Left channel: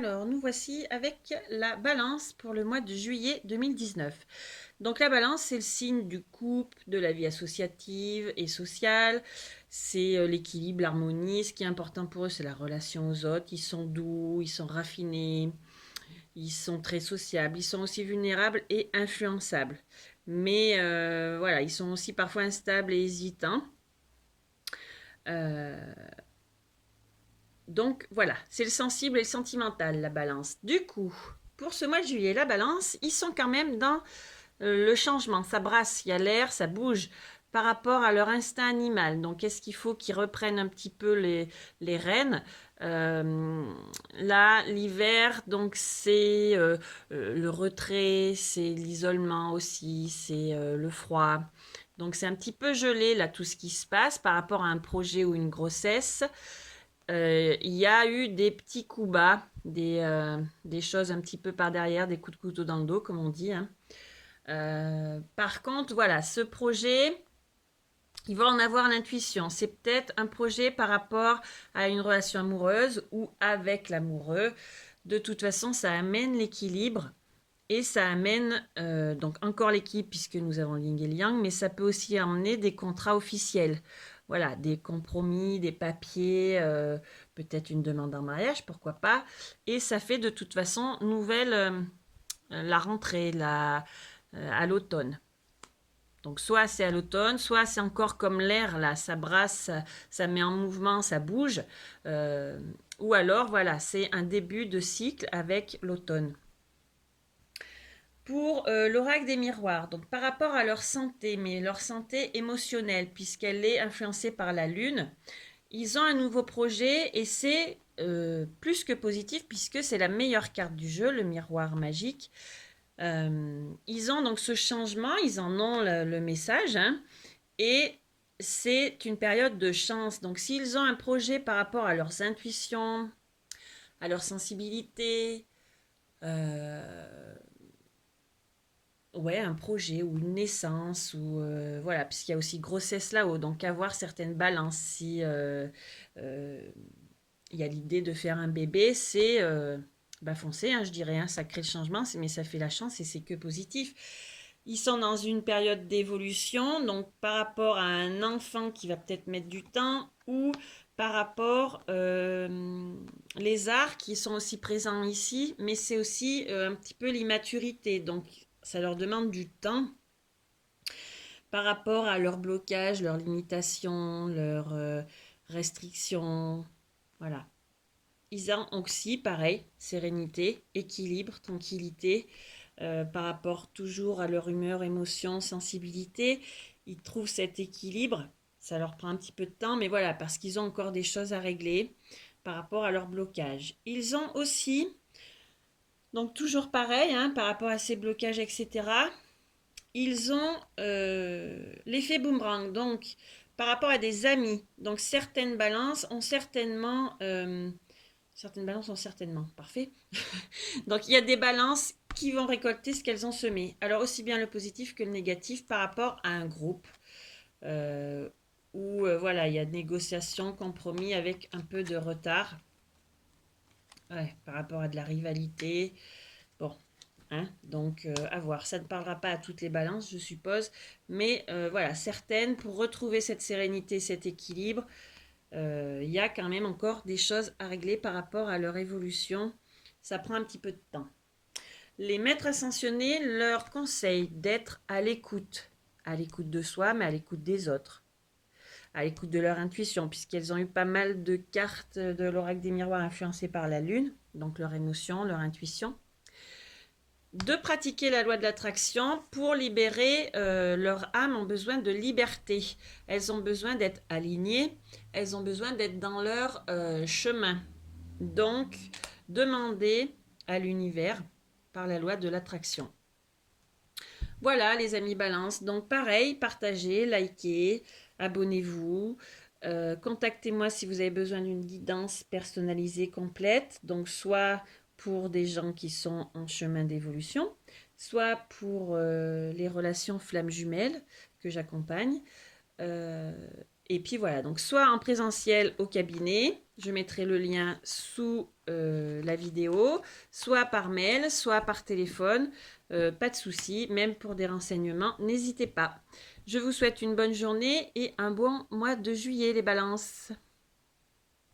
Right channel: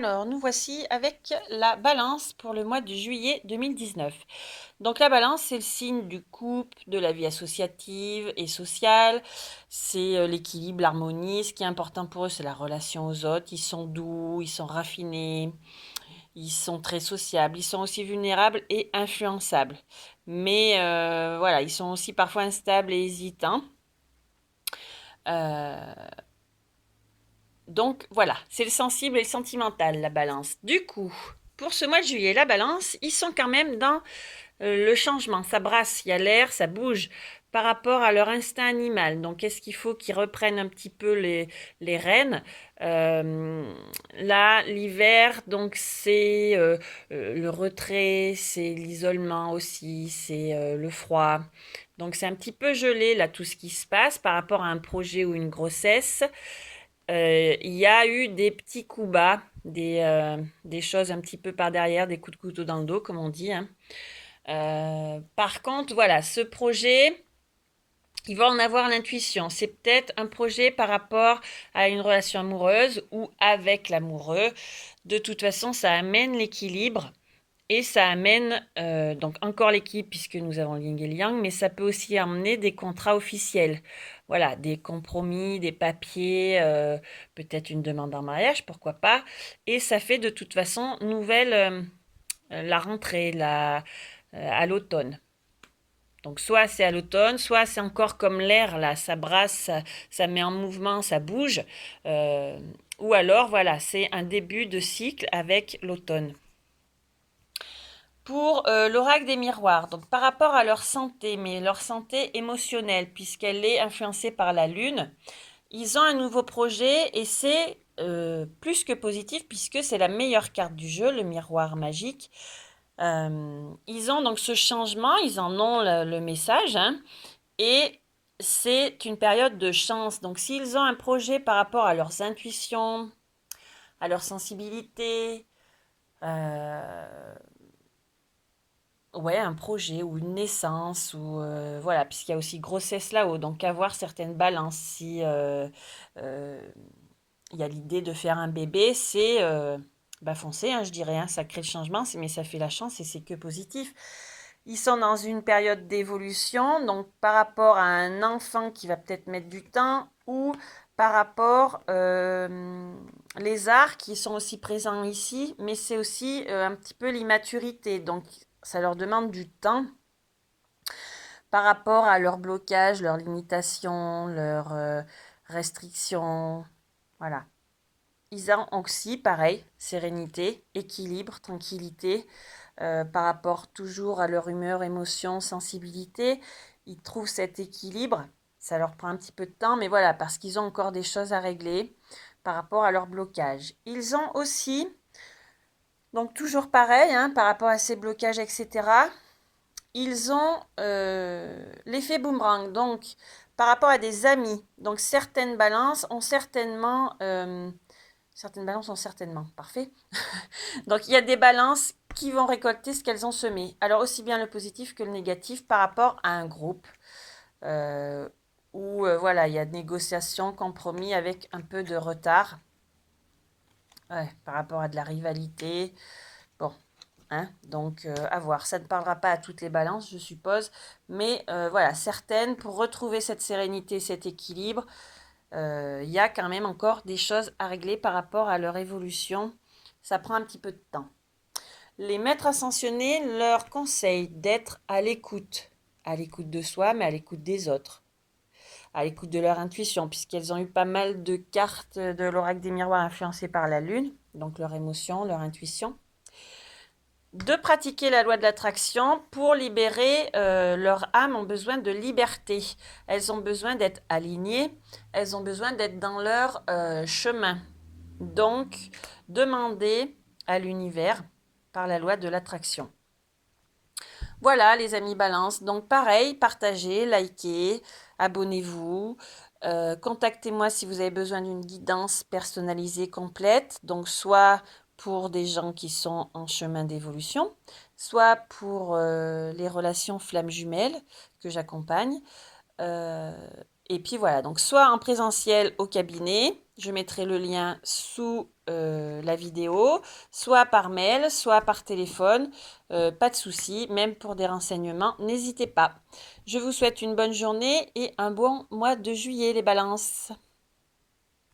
Alors, nous voici avec la balance pour le mois de juillet 2019. Donc, la balance, c'est le signe du couple, de la vie associative et sociale. C'est l'équilibre, l'harmonie. Ce qui est important pour eux, c'est la relation aux autres. Ils sont doux, ils sont raffinés, ils sont très sociables. Ils sont aussi vulnérables et influençables. Mais voilà, ils sont aussi parfois instables et hésitants. Euh, Donc voilà, c'est le sensible et le sentimental, la balance. Du coup, pour ce mois de juillet, la balance, ils sont quand même dans le changement. Ça brasse, il y a l'air, ça bouge par rapport à leur instinct animal. Donc, est-ce qu'il faut qu'ils reprennent un petit peu les rênes? Là, l'hiver, donc c'est le retrait, c'est l'isolement aussi, c'est le froid. Donc, c'est un petit peu gelé, là, tout ce qui se passe par rapport à un projet ou une grossesse. Il y a eu des petits coups bas, des choses un petit peu par derrière, des coups de couteau dans le dos, comme on dit, hein. Par contre, voilà, ce projet, il va en avoir l'intuition. C'est peut-être un projet par rapport à une relation amoureuse ou avec l'amoureux. De toute façon, ça amène l'équilibre et ça amène donc encore l'équilibre puisque nous avons le yin et le yang, mais ça peut aussi amener des contrats officiels. Voilà, des compromis, des papiers, peut-être une demande en mariage, pourquoi pas. Et ça fait de toute façon nouvelle la rentrée, à l'automne. Donc soit c'est à l'automne, soit c'est encore comme l'air, là, ça brasse, ça met en mouvement, ça bouge. Euh, ou alors, voilà, c'est un début de cycle avec l'automne. Pour l'oracle des miroirs, donc par rapport à leur santé, mais leur santé émotionnelle, puisqu'elle est influencée par la lune, ils ont un nouveau projet et c'est plus que positif puisque c'est la meilleure carte du jeu, le miroir magique. Ils ont donc ce changement, ils en ont le message, hein, et c'est une période de chance. Donc s'ils ont un projet par rapport à leurs intuitions, à leur sensibilité, euh, ouais, un projet ou une naissance, ou voilà, puisqu'il y a aussi grossesse là-haut, donc avoir certaines balances. Si euh, il y a l'idée de faire un bébé, c'est bah, foncer, hein, je dirais, hein, ça crée le changement, mais ça fait la chance et c'est que positif. Ils sont dans une période d'évolution, donc par rapport à un enfant qui va peut-être mettre du temps, ou par rapport les arts qui sont aussi présents ici, mais c'est aussi un petit peu l'immaturité, donc ça leur demande du temps par rapport à leurs blocages, leurs limitations, leurs restrictions, voilà. Ils ont aussi, pareil, sérénité, équilibre, tranquillité, par rapport toujours à leur humeur, émotion, sensibilité. Ils trouvent cet équilibre. Ça leur prend un petit peu de temps, mais voilà, parce qu'ils ont encore des choses à régler par rapport à leur blocage. Ils ont aussi, donc toujours pareil, hein, par rapport à ces blocages, etc., ils ont l'effet boomerang. Donc, par rapport à des amis, donc certaines balances ont certainement, parfait. Donc, il y a des balances qui vont récolter ce qu'elles ont semé. Alors, aussi bien le positif que le négatif par rapport à un groupe euh, où, voilà, il y a négociation, compromis avec un peu de retard, ouais, par rapport à de la rivalité. Bon, hein, donc à voir. Ça ne parlera pas à toutes les balances, je suppose, mais voilà, certaines, pour retrouver cette sérénité, cet équilibre, il y a quand même encore des choses à régler par rapport à leur évolution. Ça prend un petit peu de temps. Les maîtres ascensionnés leur conseillent d'être à l'écoute de soi, mais à l'écoute des autres, à l'écoute de leur intuition, puisqu'elles ont eu pas mal de cartes de l'oracle des miroirs influencées par la lune, donc leur émotion, leur intuition. De pratiquer la loi de l'attraction pour libérer leur âme ont besoin de liberté. Elles ont besoin d'être alignées, elles ont besoin d'être dans leur chemin. Donc, demander à l'univers par la loi de l'attraction. Voilà les amis balance. Donc pareil, partagez, likez, abonnez-vous. Contactez-moi si vous avez besoin d'une guidance personnalisée complète. Donc soit pour des gens qui sont en chemin d'évolution, soit pour les relations flammes jumelles que j'accompagne. Euh, Et puis voilà, donc soit en présentiel au cabinet, je mettrai le lien sous la vidéo, soit par mail, soit par téléphone, pas de souci, même pour des renseignements, n'hésitez pas. Je vous souhaite une bonne journée et un bon mois de juillet les balances.